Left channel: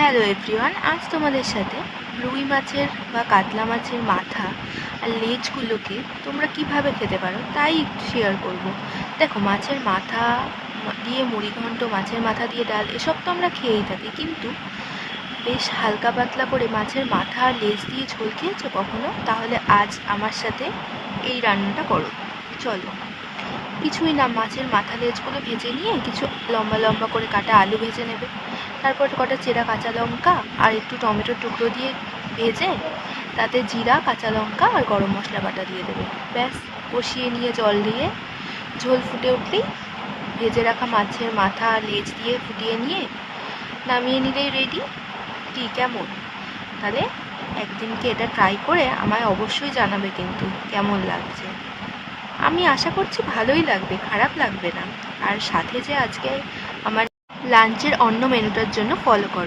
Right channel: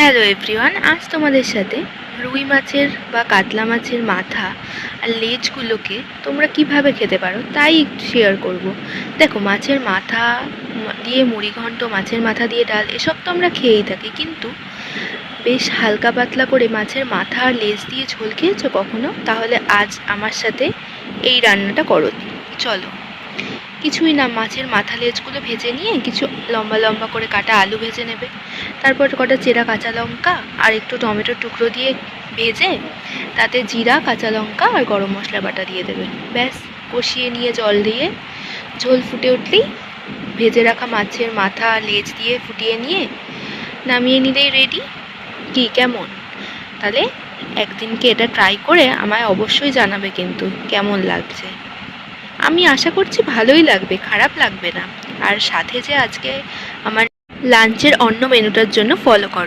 Hello everyone, আজ তোমাদের সাথে রুই মাছের বা কাতলা মাছের মাথা আর লেজগুলোকে তোমরা কিভাবে খেতে পারো তাই একটু শেয়ার করব। দেখো, মাছের মাথা দিয়ে মুড়িঘণ্ট, মাছের মাথা দিয়ে ডাল, এসব তো আমরা খেয়েই থাকি, কিন্তু বেশ হালকা পাতলা করে মাছের মাথা আর লেজ দিয়ে ঝোল খেয়েছো কখনো? তাহলে আজ আমার সাথে এই রান্নাটা করো। চলো, কিছুই না, মাছের মাথা লেজগুলো ভেজে নিয়ে কিছু লম্বা লম্বা করে কাটা আলু ভেজে নেবে, তারপর কটা চেরা কাঁচা লঙ্কা আর একটু টমেটোর টুকরো দিয়ে ভেজে তাতে জিরা, কাঁচা লঙ্কা আর গরম মশলা বাটা দিয়ে দেবে। ব্যাস, কষিয়ে নিয়ে জল দিয়ে ঝোল ফুটে উঠলেই ভেজে রাখা মাছের মাথা আর লেজ দিয়ে ফুটিয়ে নিয়ে নামিয়ে নিলেই রেডি। কি, কেমন? তাহলে একদিনকে এটা ট্রাই করে আমায় অবশ্যই জানাবে কিন্তু কেমন লাগছে। আমি আশা করছি ভালোই লাগবে, খারাপ লাগবে না। আর সাথে যে আজকে আমার লাঞ্চের অন্য মেনুটার জন্য ফলো করো।